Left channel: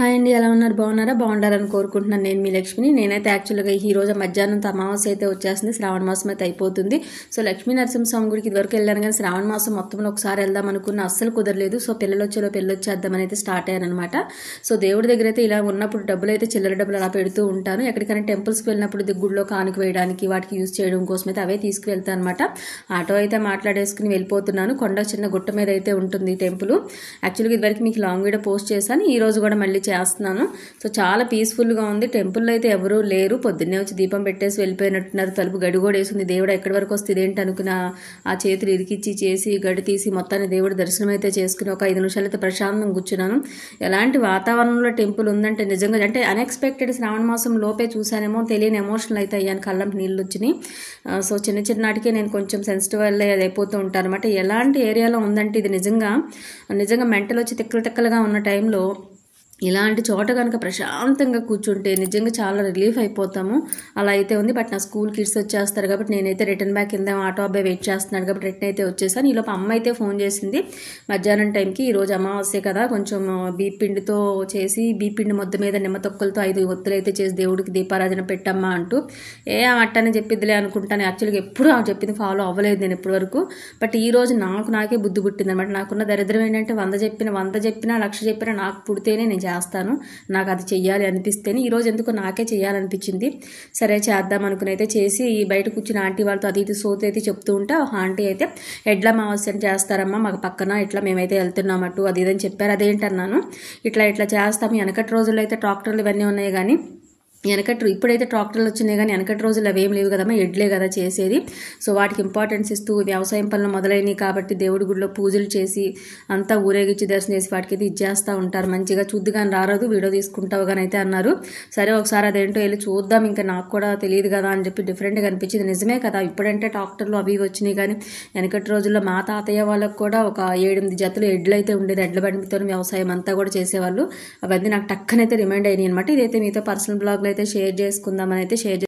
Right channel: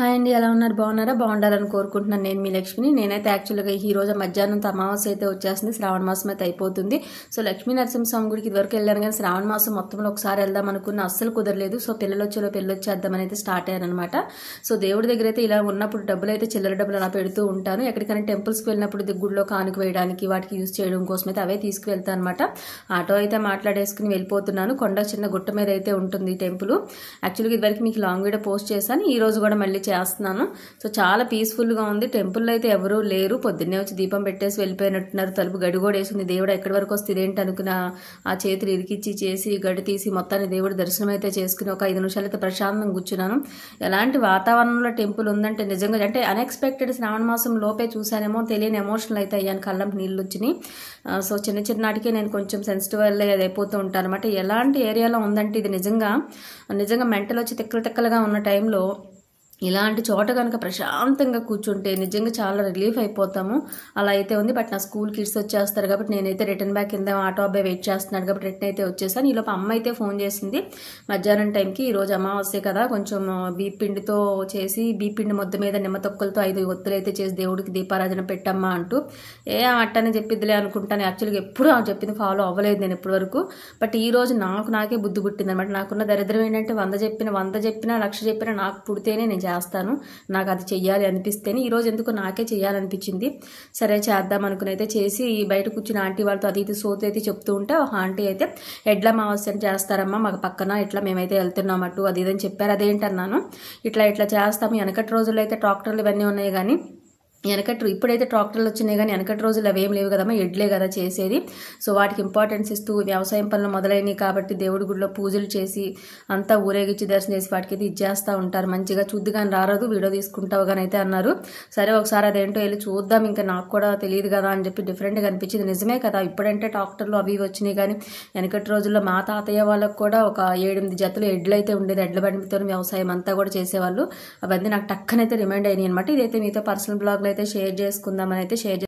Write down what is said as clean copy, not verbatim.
Hi అండి, ఎలా ఉన్నారు? బాగున్నారా? బాగుండాలని కోరుకుంటున్నాను. నేను మీ లక్ష్మిని. నేనైతే యాక్చువల్గా ఈ రోజు మధ్యాహ్నం అమావాస్య అయితే వచ్చేస్తుంది. శ్రావణ మాసం అయితే అయిపోతుంది. సో లక్ష్మీ నరసింహస్వామి గుడికి ఇదివరకు వెళ్ళాను, కానీ శ్రావణ మాసం మొత్తంలో ఒకసారి వెళ్దాం అనుకున్న అస్సలు కుదరలేదు. సో పిల్లలు వచ్చేద్దామని అయితే స్టార్ట్ అయ్యాను అనమాట. సో దేవుడి దగ్గర అయితే ఇలా ఉన్నప్పుడు డబ్బులు అయితే చిల్లర డబ్బులు అలా పెడుతూ ఉంటాను. ఎక్కడికైనా టెంపుల్స్కి వెళ్ళినప్పుడు గుడిలో కానుక వేయడానికి వాటికి యూజ్ చేయడం కోసం అయితే అవే తీసుకువెళ్తాను అనమాట. ఆటో అయితే మాట్లాడేసుకుని వెళ్ళిపోతున్నాను. కొండ చిన్న గుట్ట మీద అయితే ఉంటుంది టెంపుల్. యాక్చువల్గా ఇదివరకు మీకు లాంగ్ వీడియో పోస్ట్ చేశాను. ఈ రోజు కూడా మళ్ళీ చేస్తున్నాను. సో చాలా పీస్ఫుల్గా ఉంది. టెంపుల్లో అయితే ఎవరూ లేరు. పొద్దున్నే వచ్చి దీపం పెట్టేసి వెళ్ళిపోయినట్టున్నారు. తలుపు గడి కూడా వేసింది. దేవుడు ఎక్కడి వరకు వస్తుంది ఏంటి అనుకున్న ఆ చేతులు ఇరికిచ్చి చేసి గడి తీసి మొత్తాన్ని దేవుడి దర్శనం అయితే చేసుకుని ఒక 5 నిమిషాలు అయితే ప్రశాంతంగా కూర్చున్నాను. ఎలాంటి వాతావరణంలో టెంపుల్ ఉందంటే నిజంగా అంటే అన్ఎక్స్పెక్టెడ్ శ్రావణ మాసం లోపే చూసానేమో తెలియని ఎమోషనల్ అయితే అయ్యాను. కళ్ళంటి నీళ్ళు వచ్చినాయి. సో చిన్నటికే నేను కొంచెం సెన్సిటివ్ అది అయిపోతూ ఉంటాను అనమాట. ఎలాంటి ఏరియాలో ఉందంటే ఇది నిజంగా మెంటల్ వచ్చి తిక్కలుగా ఉన్న టైంలో ఇలాంటి చోట కనుక ప్రశాంతంగా కూర్చుంటే నిజంగా చాలా రిలీఫ్ అయిపోతాము. అలా అయితే ఉంది. బట్ నా స్కూల్ కిడ్స్ వచ్చేస్తారు కాబట్టి నేనైతే రిటర్న్ బ్యాక్ కింద ఆటో అబ్బాయి వెయిట్ చేస్తున్నాను కాబట్టి రిటర్న్ అయితే వచ్చేసాను. ఈలోపు అమ్మ అయితే ఫోన్ చేసింది మధ్యాహ్నం టైంకి. ఈరోజు అమావాస్య కదా, కొంచెం బీపిండితో చేసి బీపిండి మొద్ద మీద నిమ్మ తొక్కలతో 5 ఒత్తులు అయితే చేసి దేవుడికి దీపారాధన పెట్టమ్మా అంటూ అట్టని చెప్పిద్దిలే అనుకుంటాను. యాక్చువల్గా ఎప్పుడు ఆమె చెప్పింది ఫాలో అవ్వలేదు నేను ఇప్పటి వరకు. బట్ ఈ రోజు నాకే బుద్ధి పుట్టింది అనమాట. నాకున్న దరిద్రం ఏంటంటే 100 చెప్పినా 1,00,000 చెప్పినా నాకు పుడితేనే నేను చేస్తాను. నాకు అది చెయ్యాలి అనిపిస్తేనే. ఈరోజు ఎందుకు నాకే చెయ్యాలనిపించింది. సరే చేద్దాం అనుకుని అయితే చేసి బయట కూర్చుని ఆంటీ వాళ్ళతో అది ఇది సోతి అయితే చెప్తూ ఉంటే ఆంటీ అయితే ఎడ్ల అమావాస్య చేస్తారమ్మా మాకు పక్కన, ఇట్లా మేమైతే వెళ్తున్నాం అటు అది ఇదని చెప్పారు. అదేంటన్నాను. ఇట్లా చేస్తాము. వెనకటి రోజుల్లో అయితే ట్రాక్టర్లు ఇవన్నీ ఉన్నాయి, కానీ ఇప్పుడైతే ట్రాక్టర్లు వచ్చినాయి, కానీ వెనకటి రోజులు అవేం లేవు కదమ్మా, ఎడ్లే కదా చేసేది. సో వాటికి ఇంపార్టెన్స్ ఇస్తూ వ్యవసాయం పనులు మొదలైనవి కాబట్టి దేవుడి గుడిలో పూజలు చేసి అంతా ఊరేగించి దర్శనం చేసి వాటికి అయితే ఇచ్చేస్తూ ఉంటారు. మంచిగా చూద్దు కానీ రారాదు, వీడియో తీసుకుంటావు కానీ అయితే అన్నారు. సరే ఒకసారి అదేంటో వెళ్ళి చూద్దాం, ఇంకా నాకు కూడా తెలియదు కదా అని చెప్పి డిఫరెంట్గా అనిపించింది. నిజమే కదా, ఇప్పుడంటే ట్రాక్టర్లు అవి వచ్చినాయి, కానీ వెనకటి రోజుల్లో మా తాతయ్య వాళ్ళకు కూడా ఒక 7-8 జతలు ఎడ్లు అయితే ఉండేది. ఎడ్ల బండితో వ్యవసాయం అంతా కూడా చేసేవాళ్ళు. అవన్నీ నాకు టక్కనైతే రిమైండ్ అయినాయి అనమాట. ఇదైతే మీతో పర్సనల్ బ్లాగ్లో అయితే షేర్ చేసుకుందామని అయితే